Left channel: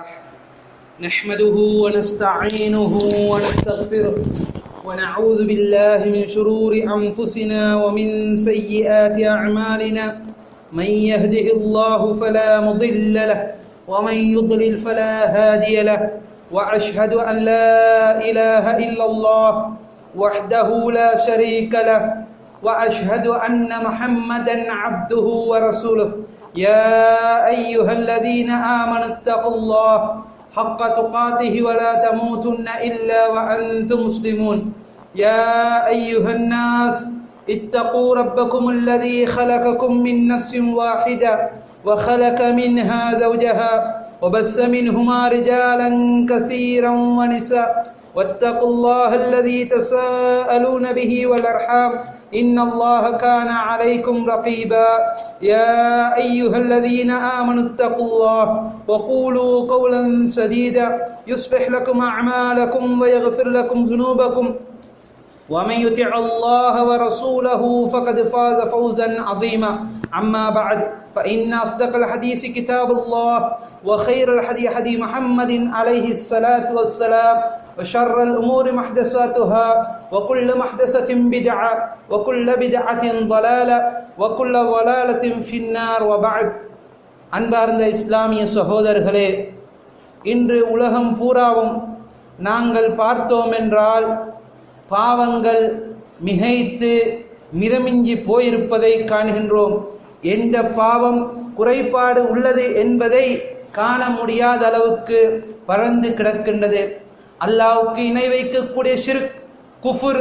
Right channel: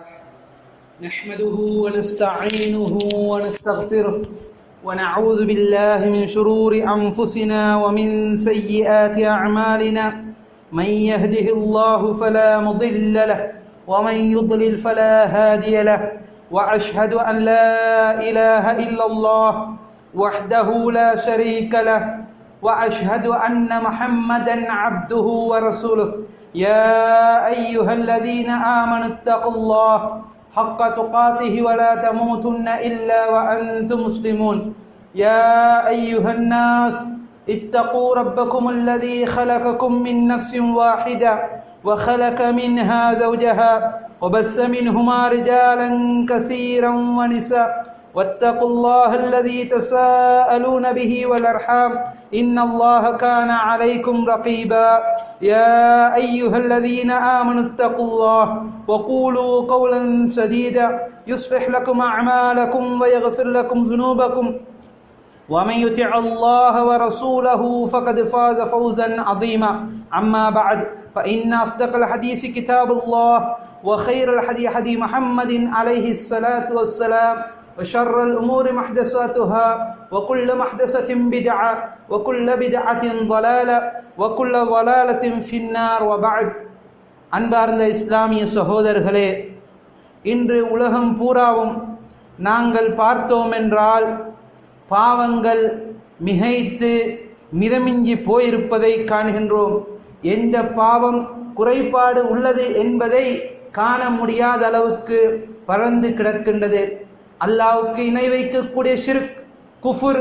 نحمده ونستعينه ونستغفره ونعوذ بالله من شرور أنفسنا ومن سيئات أعمالنا. من يهده الله فلا مضل له ومن يضلل فلا هادي له. وأشهد أن لا إله إلا الله وحده لا شريك له. وأشهد أن محمدا عبده ورسوله. يا أيها الذين آمنوا اتقوا الله حق تقاته ولا تموتن إلا وأنتم مسلمون. يا أيها الناس اتقوا ربكم الذي خلقكم من نفس واحدة وخلق منها زوجها وبث منهما رجالا كثيرا ونساء. واتقوا الله الذي تساءلون به والأرحام إن الله كان عليكم رقيبا. يا أيها الذين آمنوا اتقوا الله وقولوا قولا سديدا يصلح لكم أعمالكم ويغفر لكم ذنوبكم. ومن يطع الله ورسوله فقد فاز فوزا عظيما. أما بعد فإن أصدق الحديث كتاب الله وخير الحديث حديث محمد عليه الصلاة والسلام. وشر الأمور محدثاتها وكل محدثة بدعة وكل بدعة ضلالة وكل ضلالة في النار. وبعد. அன்பார்ந்த இஸ்லாமிய சகோதரர்களே, இன்று உலகம் பூராவும் நாங்கள் பார்த்தோம் என்றால் பாவங்கள் மிகைத்து மிதமிஞ்சி போயிருப்பதை காணுகின்றோம். எந்த பாவம் குறைபாடு உள்ளது என்பதை காண முடியாத அளவுக்கு பறந்து கிடக்கின்றது. அல்லாஹ்வுக்கு இணை வைக்கக்கூடிய ஷிர்க், குஃபுர்,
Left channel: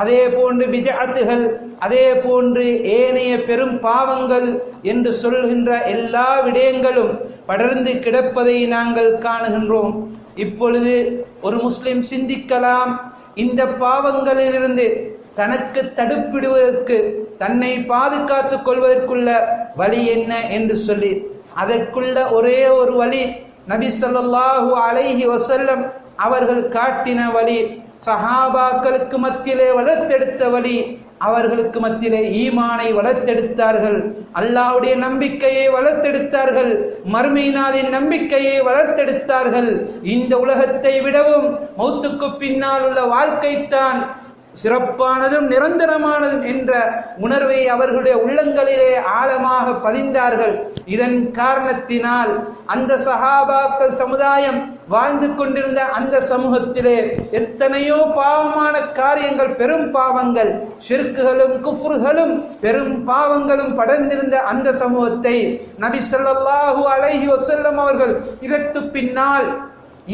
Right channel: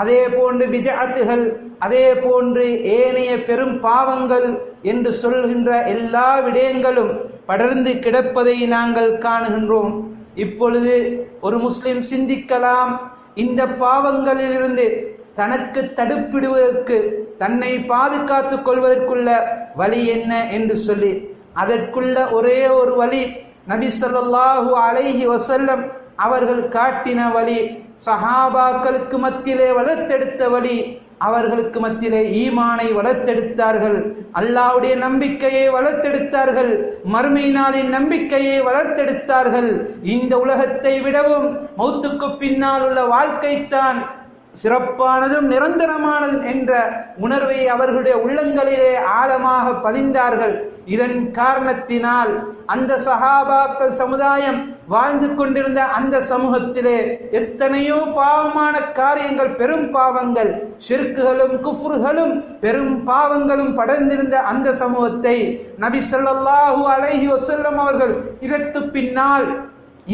அதே போன்று பித்அத்துகள், அதே போன்று ஏனைய பெரும் பாவங்கள் என்று சொல்கின்ற எல்லா விடயங்களும் படர்ந்து கிடப்பதை நாங்கள் காணுகின்றோம். இப்பொழுது ஒரு முஸ்லிம் சிந்திக்கலாம், இந்த பாவங்களிலிருந்து தனக்கு தடுப்பிடுவதற்கு, தன்னை பாதுகாத்துக் கொள்வதற்குள்ள வழி என்ன என்று சொல்லி. அதற்குள்ள ஒரே ஒரு வழி நபி ஸல்லல்லாஹு அலைஹி வஸல்லம் அவர்கள் காட்டின வழி, சஹாபாக்களுக்கு மத்தியிலே வளர்த்தெடுத்த வழி. அவர்களுக்கு மத்தியிலே ஈமானை வளர்த்தெடுத்தார்கள், அல்லாஹ்வுடைய நம்பிக்கையை வளர்த்தெடுத்தார்கள், மறுமை நாளின் நம்பிக்கையை வளர்த்தெடுத்தார்கள். இந்த உலகத்தை விடவும் மௌத்துக்கு பின்னால் உள்ள வாழ்க்கைத்தான் சிறப்பானதும் நிரந்தரமானதும் என்ற உணர்வை அவர்களுடைய உள்ளங்களிலே ஆழமாக பதிந்தார்கள். இதன் காரணத்தினால் அந்த சஹாபாக்கள் சமுதாயம் வாழ்ந்து கொண்டிருந்த அந்த சமூகத்திலே எத்தனையோ பாவமான காரியங்கள், பெரும் பாவங்கள், ஷிர்க்குகளும் குஃப்ர்களும் பெரும் பாவங்களும் படர்ந்திருந்த அந்த சமூகத்தை நபி ஸல்லல்லாஹு அலைஹி வஸல்லம் அவர்கள் இதற்கு பின்னால்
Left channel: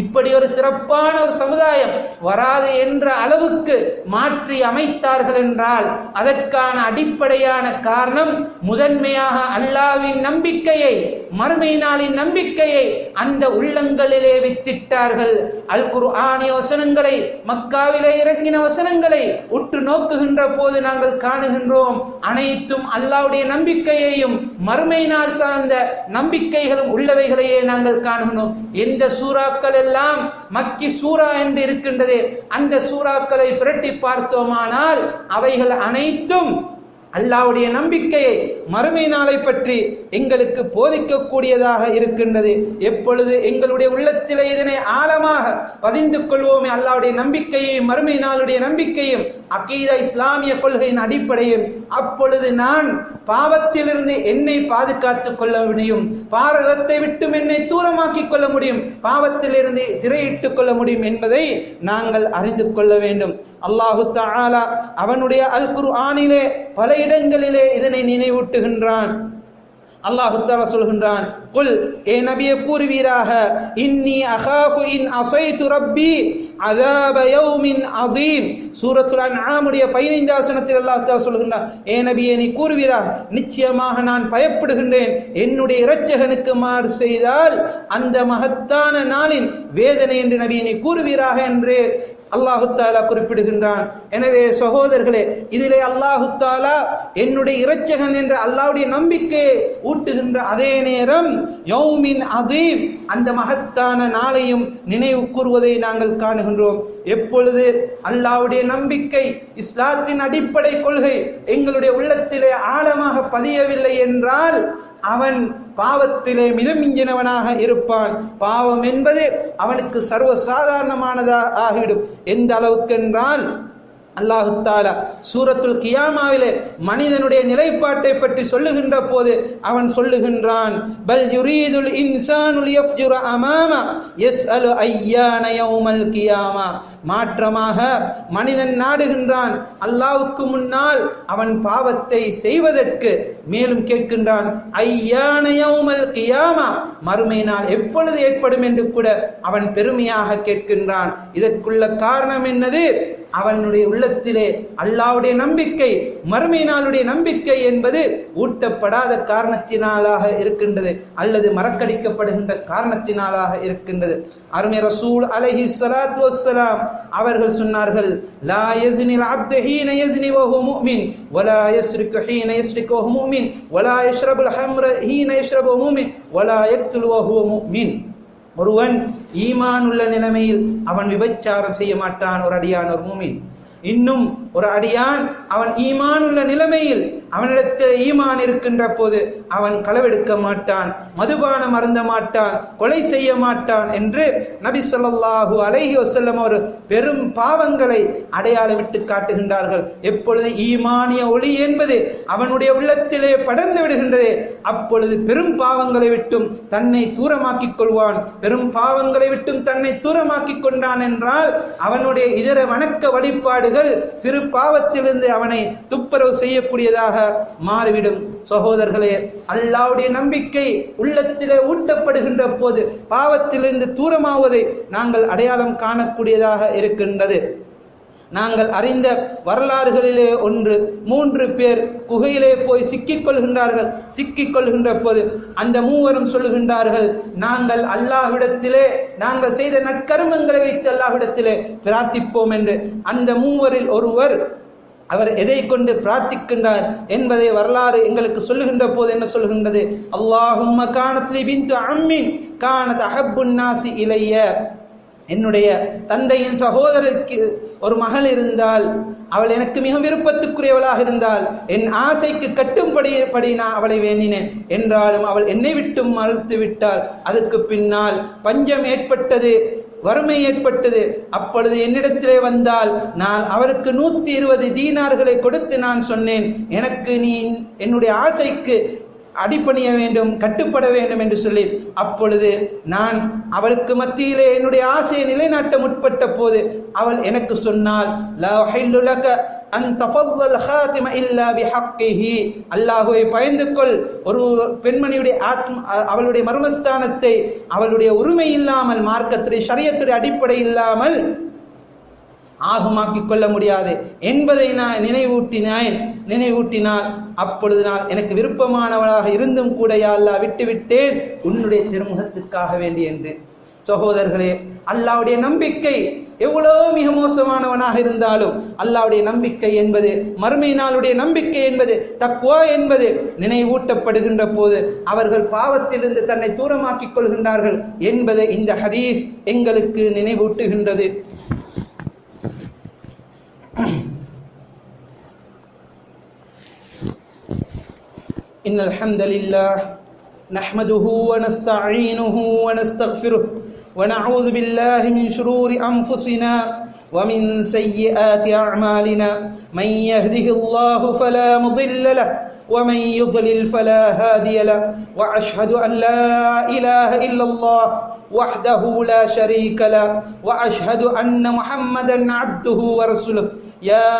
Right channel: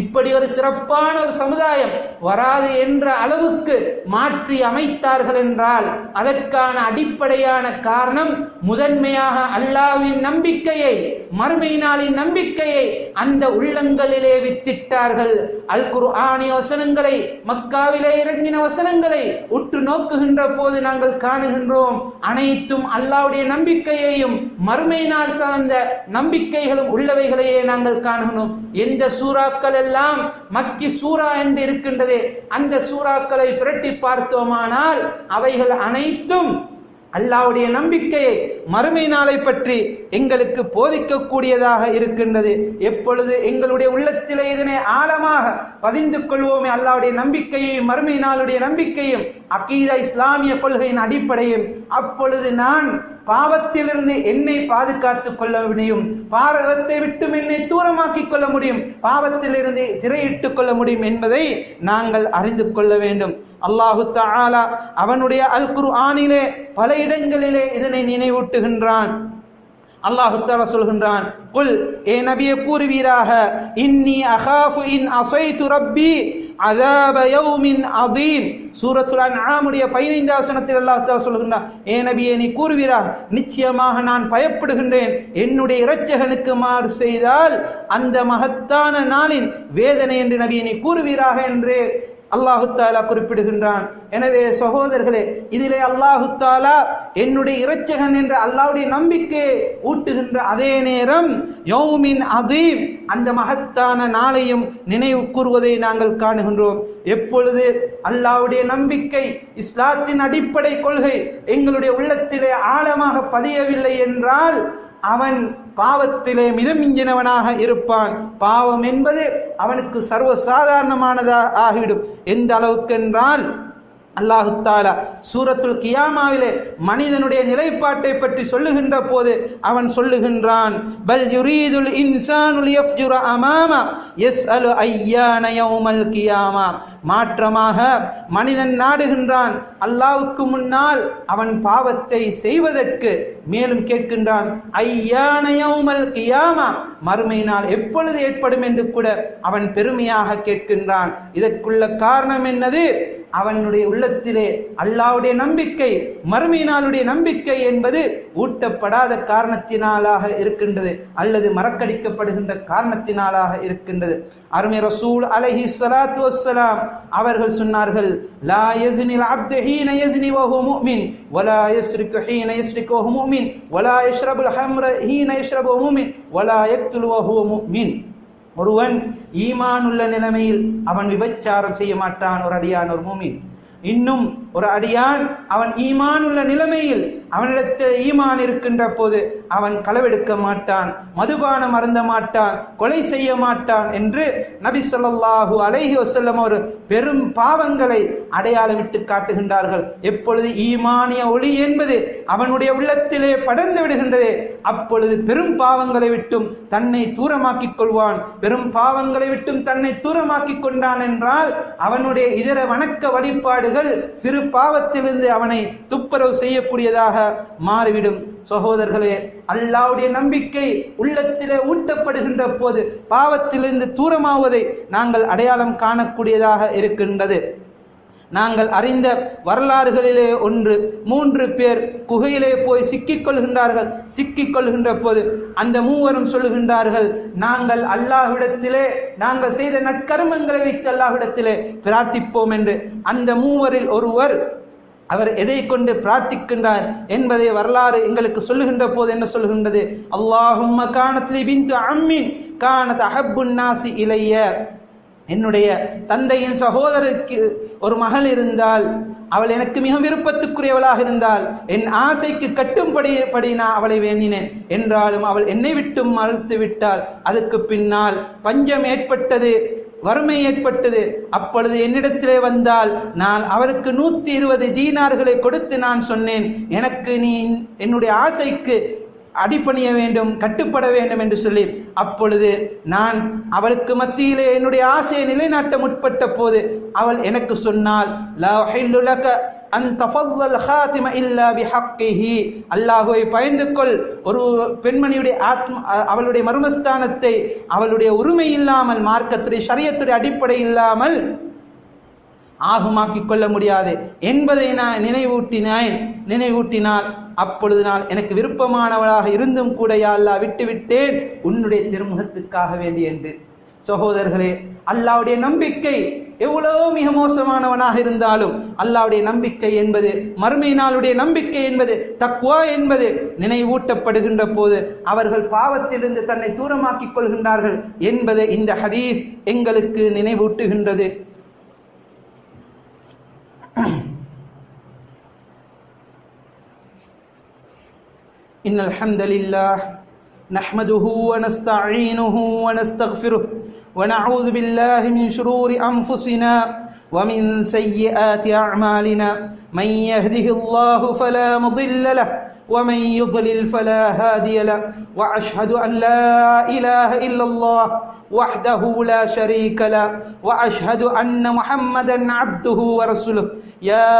இப்படி ஒரு சிறப்பான ஒரு சமுதாயம் வராது என்ற அளவுக்கு மாற்றி அமைத்தார்கள் என்றால் அதற்கான அடிப்படையான காரணம் முதன்மையாக அல்லாஹ்வின் நம்பிக்கையை, மறுமை நாளின் நம்பிக்கையை அந்த உள்ளங்களிலே வித்திட்டார்கள். அல் குர்ஆனிய வசனங்களை, மக்காவிலே இறங்கின வசனங்களை உற்று நோக்குகின்ற போது நாங்கள் காணுகின்றோம், அனைத்தும் அல்லாஹ்வுடைய நம்பிக்கையையும் மறுமை நாள் சார்ந்த நம்பிக்கைகளும் உள்ளவைகளையே நாங்கள் காணுகின்றோம். எந்த சூறாக்கள் எல்லாம் மக்கி சூரா என்று இருக்கின்றது, அந்த சூறாக்களை புரட்டி பார்த்தோமானால் அவைகள் அனைத்தும் அல்லாஹ்வுடைய நம்பிக்கையை, மறுமை நாளை பற்றி எங்களுக்கு போதிக்கக்கூடியதாக இருக்கின்றது. எப்பொழுது எங்களுடைய உள்ளத்திலே இதனை ஆழமாக பதிந்து கொள்வோமே, அல்லாஹ்வுடைய நம்பிக்கையையும் மறுமை நாளுடைய நம்பிக்கையும் அகீதா இஸ்லாமிய கொள்கையின் அடிப்படையும், அப்பொழுது நான் பாவத்திலிருந்து என்னை பாதுகாத்துக் கொள்ள முடியும், பாவத்தை விட்டு என்னை தூரமாக்கிக் கொள்ள முடியும், பாவத்திலிருந்து திரையிட்டுக் கொள்ள முடியும் என்பதை நாங்கள் அறிந்து கொள்ள வேண்டும். அல்லாஹு தஆலா அவனுடைய அல் குர்ஆனிலே பல இடங்களிலே இதனை நினைவூட்டுகின்றான். அல்லாஹு தஆலா சொல்கின்றான், குல், ஏ நபியே கூறுவீராக, இன்னி அகாஃபு இன் அஸைது ரப்பி அஸாப யௌமின் அதீம். சூரத்துல் அன்ஆமுடைய 15 வசனத்தில் அல்லாஹ் தஆலா சொல்கின்றான், ஏ நபியே நீ கூறுவீராக, நிச்சயமாக நான் பயப்படுகின்றேன், என்னுடைய இரட்சகனுக்கு மாறு செய்தால் அந்த மகத்தான நாளின் வேதனை என்று நபியே நீ கூறுவீராக என்று அல்லாஹு தஆலா குறிப்பிடுகின்றான். எனவே சகோதரர்களே, இதிலே அல்லாஹு தஆலா என்னுடைய இரட்சகன் என்ற அல்லாஹ்வுடைய நம்பிக்கையை ஊட்டுகின்ற அதே நேரம் யௌமின் அதீம், அந்த மகத்தான நாளையும் நினைவு கூறுவதை நாங்கள் காணுகின்றோம். எப்பொழுது அல்லாஹ்வுடைய நம்பிக்கை, இஸ்லாத்தின் அடிப்படை கொள்கை எங்களுடைய உள்ளத்திலே ஆழமாக பதியவில்லை என்றால் அவன் பாவத்திலே மிதமிஞ்சினவனாக இருப்பான். பாவம் என்பது அவனுக்கு சர்வசாதாரணமானதாக ஆகிவிடும். எந்த அளவுக்கு என்றால் அல்லாஹு தஆலா சூரத்துல் கியாமாவிலே மனிதனுடைய நிலைப்பாட்டை பற்றி சொல்லுகின்ற போது அவன் சொல்லுகின்றான், பல் யுரீதுல் இன்சானு லியஃப்ஜுர அமாமா யஸ்அலு அய்யான யௌமல் கியாமா. மாற்றமாக மனிதன் நாடுகின்றான் அல்லாஹ்வுக்கு முன்னால் அவன் பாவத்தை செய்வதற்கு. மேலும் கேட்கின்றான், ஐயான யௌமல் கியாமா, மறுமை நாள் எப்பொழுது ஏற்படும் என்று கூட அவன் பெருமையாக கேட்கின்றான். இதற்குள்ள காரணம் என்னது? அவனுடைய உள்ளத்திலே அல்லாஹ்வுடைய நம்பிக்கை, மறுமை நாளுடைய நம்பிக்கை என்பது ஊட்டப்படாத காரணத்தினாலாக இருக்கின்றது, அல்லது மறக்கடிக்கப்படுகின்ற காரணத்தினாலாக இருக்கின்றது. அருமை ரசூல் அலைஹி ஸலாத்து வஸ்ஸலாம் அவர்கள் சொன்னார்கள், லா யஸ்னில் அப்து ஹீன யஸ்னி வஹுவ முஃமின் வலா யஸ்ரிகு ஹீன யஸ்ரிகு வஹுவ முஃமின் வலா யஷ்ரபுல் ஹம்ர ஹீன யஷ்ரபு முஃமின் வலா யக்துல் வஹுவ முஃமின். ஒருவன் ஈமான் உள்ள நிலைமையில் அவன் விபச்சாரம் செய்ய மாட்டான், ஒரு அடியான், ஒரு மூமின். இன்னும் ஒரு அடியான் அவன் ஈமான் உள்ள நிலைமையில் அவனிடத்தில் ஈமான் இருக்கின்ற போது அவன் களவெடுக்க மாட்டான், மதுபானம் அருந்த மாட்டான், கொலை செய்ய மாட்டான் என்று நபி ஸல்லல்லாஹு அலைஹி வஸல்லம் ஒரு பெரும் பாவங்களை அடையாளமிட்டு காட்டுகின்றார்கள். எப்பொழுது ஈமானிய ஒளி என்பது அவனுடைய உள்ளத்திலே படர்ந்து விடுகின்றது, அப்பொழுது பெரும் பாவங்களை விட்டும் தன்னை தூரமாக்கிக் கொள்வான். பெரும் பாவங்களை விட்டும் தன்னை தூரமாக்கிக் கொண்டான் என்றால் அவனுடைய இதர வணக்க வழிபாடுகள் சிறு பாவத்திலிருந்து அவனை துப்புரவு செய்யக்கூடியதாக மாறிவிடும். சகோதரர்களே, அல்லாஹ்வுடைய நம்பிக்கை உள்ளத்திலே ஊட்டப்படுகின்ற போது பாவத்திலிருந்து தூரமாவதை நாங்கள் அடையாளம் காணக்கூடியதாக இருக்கின்றது. நாங்கள் அறிந்த வரலாறுகளிலே ஒன்று, 3 பேர் குகையிலே போய் சிக்கிக்கொள்கின்றார்கள். சிக்கிக்கொள்கின்ற போது அந்த மூவரும் சொல்லுகின்றார்கள், நாங்கள் அல்லாஹ்விடத்திலே நாங்கள் செய்த நற்கர்மங்களை வைத்து அல்லாஹ்விடத்திலே பிரார்த்திப்போம் என்று. அந்த மூவரில் ஒருவர் அவர் எதை கொண்டு பிரார்த்திக்கின்றார் என்பதை வரலாறு எங்களுக்கு சொல்லுகின்ற போது என்ன சொல்லுகின்றது? அல்லாஹும்ம கானத் லி பின்து அம்மின் கானத் அஹப்புன் நாசி இலைய. என்னுடைய தந்தையின் சகோதரருக்கு ஒரு மகள் இருந்தால், அவள் எனக்கு மிக விருப்பத்துக்குரியவளாக இருந்தால், என் ஆசைக்கு கட்டும்படி நான் அவளை வேண்டினேன். என்றாலும் அவள் என்னை விட்டும் மறுத்து விட்டாள். அதுக்கு பின்னால் பஞ்சம் ஏற்பட்டது, வறுமை ஏற்பட்டது. அப்பொழுது என்னிடத்திலே வந்தால் நான் அவளுக்கு 120 தீனார்களை கொடுத்து நான் சொன்னேன், எனக்கு நீ என்னுடைய ஆசைக்கு அடிபணிய வேண்டும், கட்டுப்பட வேண்டும் என்று சொல்லி. அப்பொழுது நான் அவளுக்கு மத்தியிலே என்னுடைய ஆசையை நிலைநாட்ட முற்பட்ட போது அவள் எனக்கு சொன்னாள், லா ஹில்லு லக அன் தஃபல்லல் ஹாத்திம இல்லா பிஹக்கிஹி. அல்லாஹ்வை பயந்து கொள், ஒரு பெண்மணியுடைய அவளுடைய மர்மஸ்தானத்தை அவளுடைய உரிமை இல்லாமல், மார்க்கத்துடைய ஷரியத்துடைய அடிப்படை இல்லாமல் ஆகமாக்கிக் கொள்ள முடியாது என்பதை நான் நினைவூட்டினால் அப்பொழுது நான் எனக்கு விருப்பமானவளாக இருந்தும் கூட யா அல்லாஹ் விட்டுவிட்டேன் உன்னுடைய திருமுகத்திற்காக வேண்டி என்று. சகோதரர்களே, அல்லாஹ்வுடைய நம்பிக்கை எவ்வளவு மிக மோசமானவனாக இருந்தாலும் அல்லாஹ்வுடைய நம்பிக்கை என்பது, மறுமை நாளுடைய நம்பிக்கை என்பது, தக்வா என்பது நினைவூட்டப்படுகின்ற போது அவர்கள் பாவத்திலிருந்து தன்னை தூரமாக்கிக் கொள்கின்றார்கள் என்பதை இந்த ஹதீஸ் எங்களுக்கு நினைவூட்டுகின்றது. إن الحمد لله نحمده ونستعينه ونستغفره ونعوذ بالله من شرور أنفسنا ومن سيئات أعمالنا من يهده الله فلا مضل له ومن يضلل فلا هادي له وأشهد أن لا إله إلا الله وحده لا شريك له وأشهد أن محمدا عبده ورسوله يا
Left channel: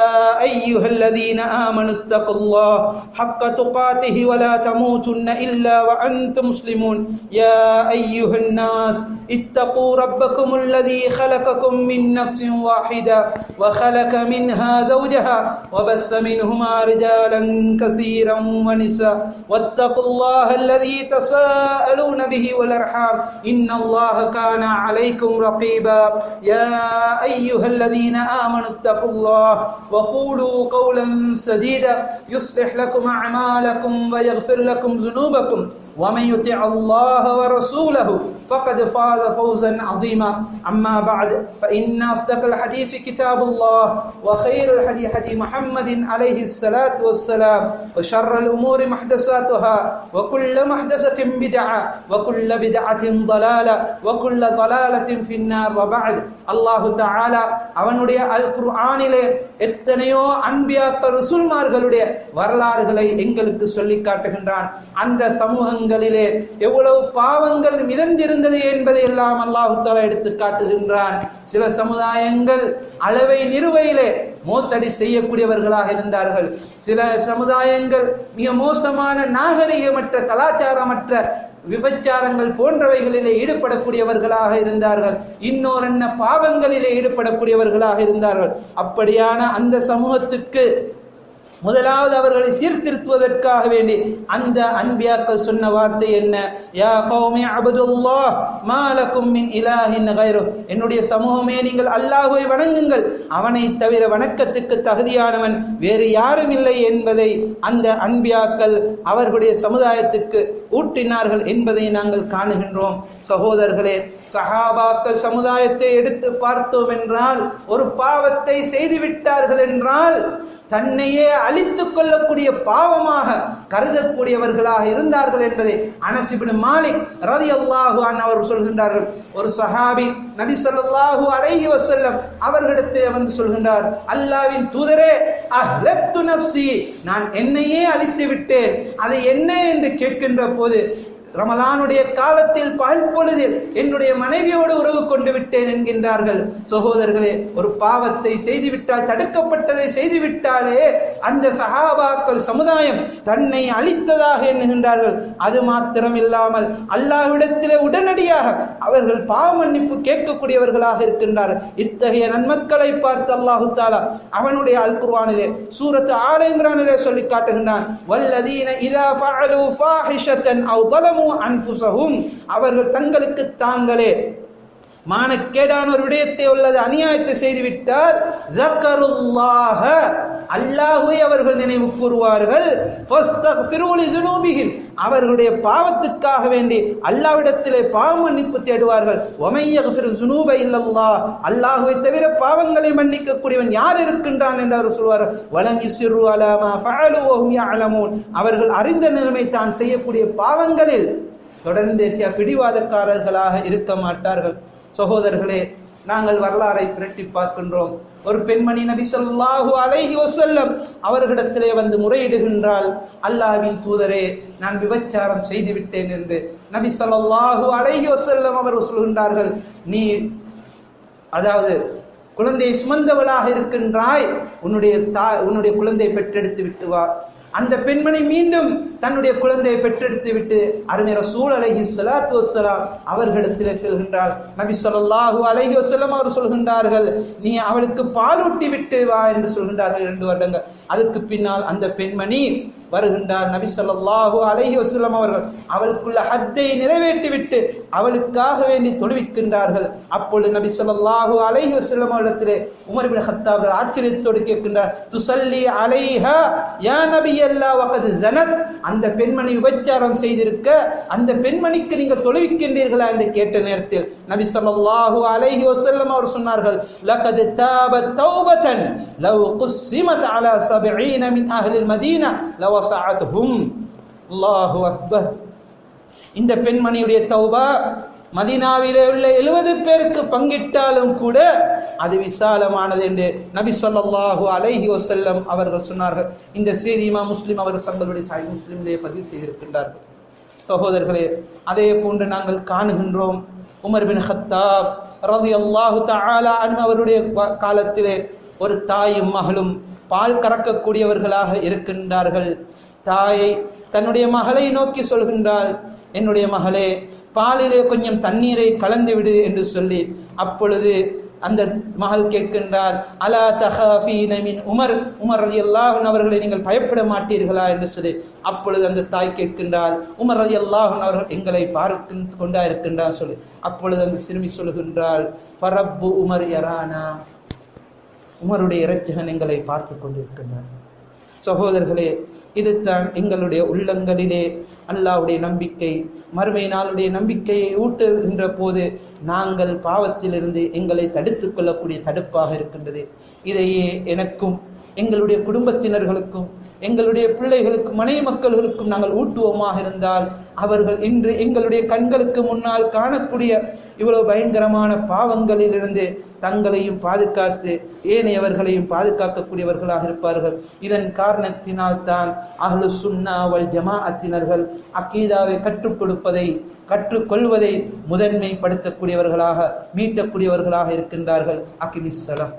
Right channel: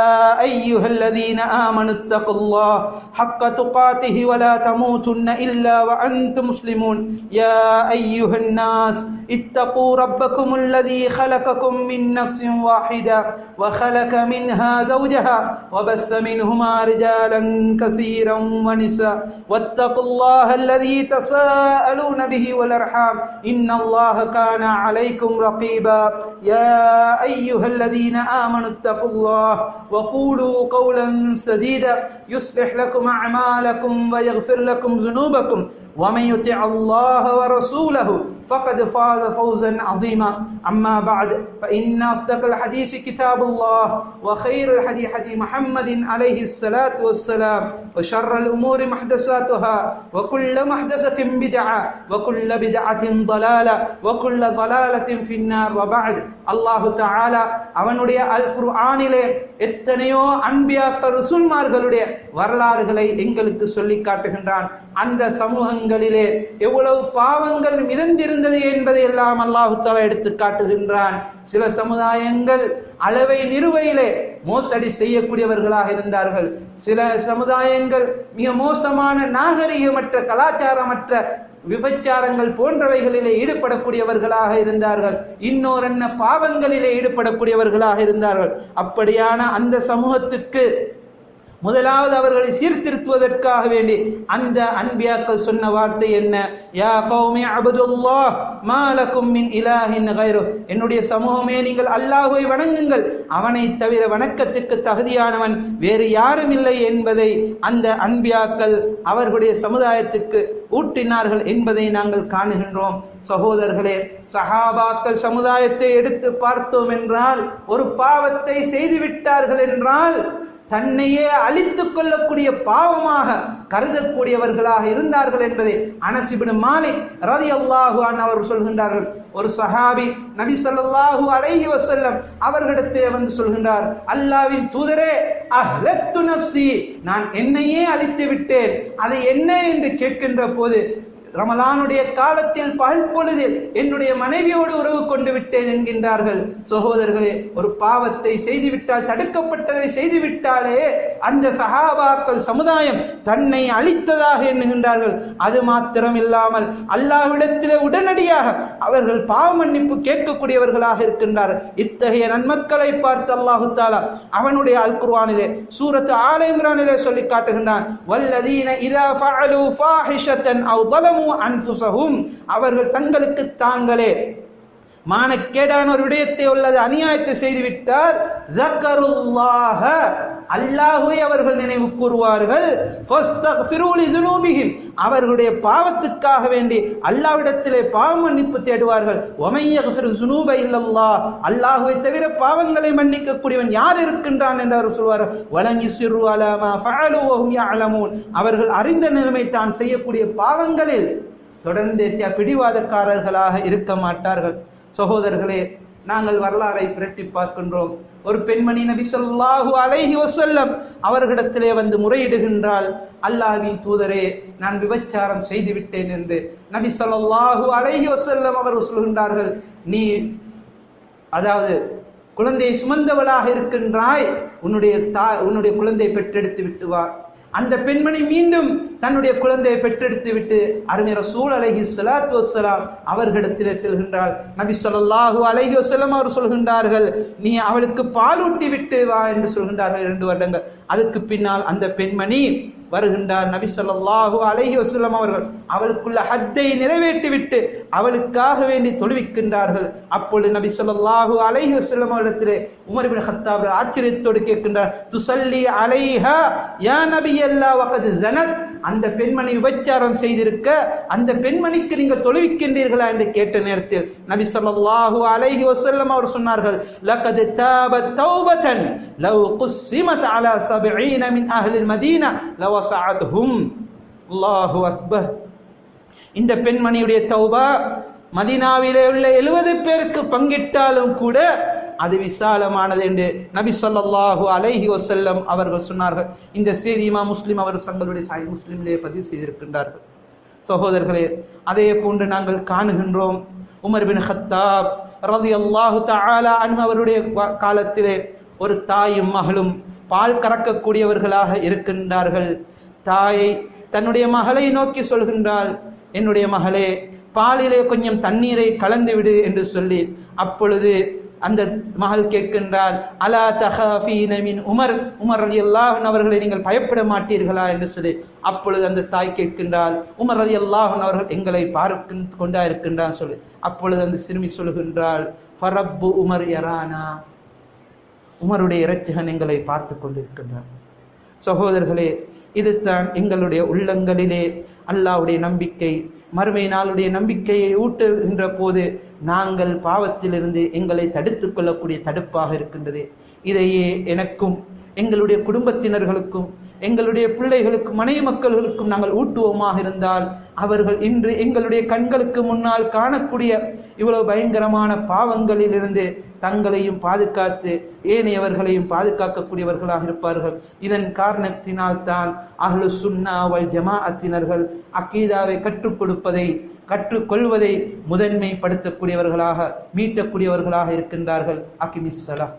أيها الذين آمنوا اتقوا الله حق تقاته ولا تموتن إلا وأنتم مسلمون يا أيها الناس اتقوا ربكم الذي خلقكم من نفس واحدة وخلق منها زوجها وبث منهما رجالا كثيرا ونساء واتقوا الله الذي تساءلون به والأرحام إن الله كان عليكم رقيبا يا أيها الذين آمنوا اتقوا الله وقولوا قولا سديدا يصلح لكم أعمالكم ويغفر لكم ذنوبكم ومن يطع الله ورسوله فقد فاز فوزا عظيما أما بعد فإن أصدق الحديث كتاب الله وخير الهدي هدي محمد عليه الصلاة والسلام وشر الأمور محدثاتها وكل محدثة بدعة وكل بدعة ضلالة وكل ضلالة في النار وبعد الله تعالى அவனுடைய அல் குர்ஆனிலே எத்தனையோ அன்பியாக்கள் ரசூல்மார்களுடைய வரலாறுகளை எங்களுக்கு சொல்லி காட்டுகின்றான். அந்த சமூகங்களிலே எவ்வளவு பாவங்கள் மிதந்திருந்தது என்பதை எல்லாம் அல்லாஹ் தஆலா எடுத்து காட்டுகின்றான். சில சமுதாயங்கள் அளவை நிறுவையிலே மோசடி செய்யக்கூடியவர்களாக இருந்தார்கள். சில சமுதாயங்கள் மிக மோசமான நாகரிகமற்ற கலாச்சாரமற்ற விபச்சாரங்கள் போன்றவைகளிலே ஈடுபடக்கூடியவர்களாக இருந்தார்கள். இன்னொரு பாவங்களிலே ஈடுபடக்கூடியவர்களாக இருந்தார்கள். அப்படியான அந்த சமூகத்துக்கு முதலாவது அவர்களை சீர்திருத்துவதற்காக வேண்டி அந்த அன்பியாக்கள் சொன்ன வார்த்தை என்ன? யா கௌமி அபுதுல்லாஹ் மா லகும் மின் இலாஹின் கைரு. என்னுடைய சமூகமே, நீங்கள் அல்லாஹ்வை வணங்குங்கள், அவனை தவிர வணக்கத்துக்கு தகுதியானவன் வேறு யாரும் இல்லை என்பதை அந்த அன்பியாக்கள் அவர்களுடைய சமுதாயத்துக்கு ஊட்டினார்கள் என்பதை நாங்கள் காணுகின்றோம். சகோதரர்களே, சஹாபாக்கள் சமுதாயத்தை எடுத்து பார்த்தோம் என்றால், ஒரு பாவத்தை செய்துவிட்டார்கள் என்றால் தன்னையே அழித்துக் கொள்ளக்கூடிய பாவமாக கருதக்கூடியவர்களாக இருந்தார்கள் என்பதை அனஸ் இப்னு மாலிக் ரலியல்லாஹு அன்ஹு அவர்கள் சொல்கின்றார்கள். ஒரு சஹாபி நபி ஸல்லல்லாஹு அலைஹி வஸல்லம் அவர்களிடத்தே வந்து சொல்கின்றார், அல்லாஹ்வின் தூதரே, அஹ்லத்து நஃப்ஸி, நான் என்னையே அழித்து விட்டேன், அது என்ன என்று கேட்கின்ற போது, ரமலானுடைய காலத்தில் பகல் பொழுதில் என்னுடைய மனைவியோடு உறவு கொண்டு விட்டேன் என்கின்றார்கள். சகோதரர்களே, ஒரு பாவத்தை செய்துவிட்டால், தடுக்கப்பட்டதை செய்துவிட்டாலே அந்த சஹாபாக்கள் சமுதாயம் தன்னை அழித்ததாக எண்ணுகின்றார்கள். அது மாத்திரம் இல்லாமல் அல்லாஹ்விடத்திலே உடனடியாக அவர்கள் பாவ மன்னிப்பு கேட்கக்கூடியவர்களாக இருக்கின்றார்கள். இத்தகைய நன்மக்களை பார்த்து அல்லாஹு தஆலா அவனுடைய அல் குர்ஆனிலே சூரத் ஆல இம்ரானிலே சொல்லி காட்டுகின்றான், வல்லதீன இதா ஃபஅலு ஃபாஹிஷத்தன் அவ் ظلموا அன்ஃபுஸஹும், அவர்கள் தங்களுக்கு தாங்களே மானக்கேடான ஒரு விடயத்தை உள்ளது அநியாயத்தை செய்துவிட்டால், ذكرுல்லாஹ, அல்லாஹ்வை அவர்கள் நினைவு கூறுவார்கள், ஃபஸ்தக்ஃபிரு லிதுனூபிஹிம், அவர்களுடைய பாவத்துக்காக வேண்டி அல்லாஹ்விடத்திலே பாவ மன்னிப்பு தேடுவார்கள். வமை யக்ஃபிரு ஸுனூப இல்லல்லாஹ், அல்லாஹ்வை தவிர பாவங்களை மன்னிக்க கூடியவன் யார் இருக்கின்றான் என்று அவர் சொல்வார்கள். வலம் யுஸிரு அலா மா ஃபஅலு வஹும் யஅலமூன், அவர்கள் அறிந்த நிலைமை தான் செய்யக்கூடிய பாவங்களில் தொடர்ந்து பிடிவாதக்காரர்களாக இருக்க மாட்டார்கள். சகோதரர்களே, நாங்கள் வரலாறை பிரட்டி பார்க்கின்றோம். ஒரு பெண்மணி நபி ஸல்லல்லாஹு அலைஹி வஸல்லம் அவர்களிடத்திலே வந்து முறையிடுகின்றாள், அல்லாஹ்வின் தூதரே, நான் விபச்சாரம் செய்து விட்டேன் என்று. நபி ஸல்லல்லாஹு அலைஹி வஸல்லம் அவர்கள் சொல்கின்றார்கள், நீ அதாவது குழந்தையை சுமந்தவளாக இருக்கின்றாய், உன்னுடைய குழந்தை பெற்றெடுத்து விட்டு வா. அந்த பெண்மணி மீண்டும் தன்னுடைய குழந்தையை பெற்றெடுத்து விட்டு அருமை ரசூல் அலைஹிஸ்ஸலாத்து வஸ்ஸலாம் அவர்களிடத்திலே செல்கின்றாள். நபி ஸல்லல்லாஹு அலைஹி வஸல்லம் அவர் சொல்கின்றார்கள், நீ அவளுக்கு பாலூட்டி விட்டு வா என்று சொல்கின்றார்கள். 2 வருடங்கள். அதுக்கு பின்னால் அந்த பெண்மணி வருகின்றார். நபி ஸல்லல்லாஹு அலைஹி வஸல்லம் அவர்கள் அவளுக்குள்ள ஹத்தை நிறைவேற்றி விட்டு அவளுக்காக வேண்டி தொழுவிக்கின்றார்கள். அப்பொழுது நபி ஸல்லல்லாஹு அலைஹி வஸல்லம் அவரிடத்திலே உமர் இப்னு கத்தாப் ஆச்சரியத்தோடு கேட்கின்றார், துஸல்லி அலைஹா யா நபியல்லாஹ் வகத் ஸனத், அந்த பெண்மணி விபச்சாரம் செய்திருக்க அந்த பெண்மணிக்கு நீங்கள் தொழுவிக்கின்றீர்களா என்று கேட்ட நேரத்தில் நபி ஸல்லல்லாஹு அலைஹி வஸல்லம் அவர் சொன்னார்கள், லகத் தாபத் தௌபதன் லவ் குஸ்ஸிமத் அலா 70 மின் அஹ்லில் மதீனா லவஸஅத்ஹும். அல்லாஹு அக்பர். இந்த பெண்மணியுடைய தௌபா மதீனாவிலே உள்ள 70 பேருக்கு பங்கிட்டாலும் கூட அது விசாலமானது என்று நபி ஸல்லல்லாஹு அலைஹி வஸல்லம் அவர்கள் சொன்னார்கள். இந்த செய்தி இமாம் முஸ்லிம் அவர்கள் தங்களுடைய சஹீஹ் முஸ்லிமிலே பதிவு செய்திருக்கின்றார்கள். சகோதரர்களே, அதே போன்று நாங்கள் காணுகின்றோம், உமர் பின் கத்தாப் ரலியல்லாஹு தஆலா அன்ஹு அவருடைய காலத்திலே ஒரு தாயும் மகளும் பால் கறக்கக்கூடியவர்களாக இருக்கின்றார்கள். தாயை தன்னுடைய மகளை நோக்கி சொல்கின்றாள், என்னுடைய மகளே, பாலிலே கொஞ்சம் தண்ணீரை கலந்து விடு என்று சொல்லி, அப்பொழுது அந்த மகள் கேட்கின்றார், அலா தஹாஃபீன மின் உமர், உமர் ரலியல்லாஹு அன்ஹு அவர்களை நீங்கள் பயப்பட மாட்டீர்களா என்று சொல்லி, அப்பொழுது அந்த தாய் கேட்கின்றார், உமர் ரலியல்லாஹு அன்ஹு அவர்கள் எங்களை பார்த்து கொண்டா இருக்கின்றார் சொல்லி. அப்பொழுது அந்த சிறுமி சொல்கின்றாள், ஃபரப்பு உமர் யரானா, உமருடைய இரட்சகன் எங்களை பார்த்து கொண்டிருக்கின்றார். சகோதரர்களே, இதுதான் எங்களுடைய உள்ளங்களிலே அல்லாஹ்வுடைய நம்பிக்கை, மறுமை நாளுடைய நம்பிக்கையை ஊட்டுகின்ற போது நாங்கள் பாவத்திலிருந்து எங்களை தடுத்துக் கொள்ளக்கூடிய தடுப்பாக இருக்கின்றது. இதையே எனக்கும் எங்களுடைய குடும்பத்தினர்களுக்கும் எங்களுடைய பிள்ளைகளுக்கும் மனைவி மக்கள்களுக்கும் நாங்கள் ஊட்டுவோமாக இருந்தால் அவர்கள் இன்று எங்களுடைய கண்களுக்கு முன்னால் காணக்கூடிய இவ்வளவு பயங்கரமான பாவங்களிலிருந்து தங்களையும் பாதுகாத்து ஏனையவர்களையும் பாதுகாக்கக்கூடியவர்களாக இருப்பார்கள். இதன் காரணத்தினால் தான் அஹ்லு சுன்னா வல் ஜமாஅத்தினர்கள் அக்கீதாவை கற்றுக் கொடுப்பதை கற்றுக்கொள்வதை முதன்மைப்படுத்தக்கூடியவர்களாக மீட்டக்கூடியவர்களாக இருக்கின்றார்கள். அகிமிஸ் ஸலாத்.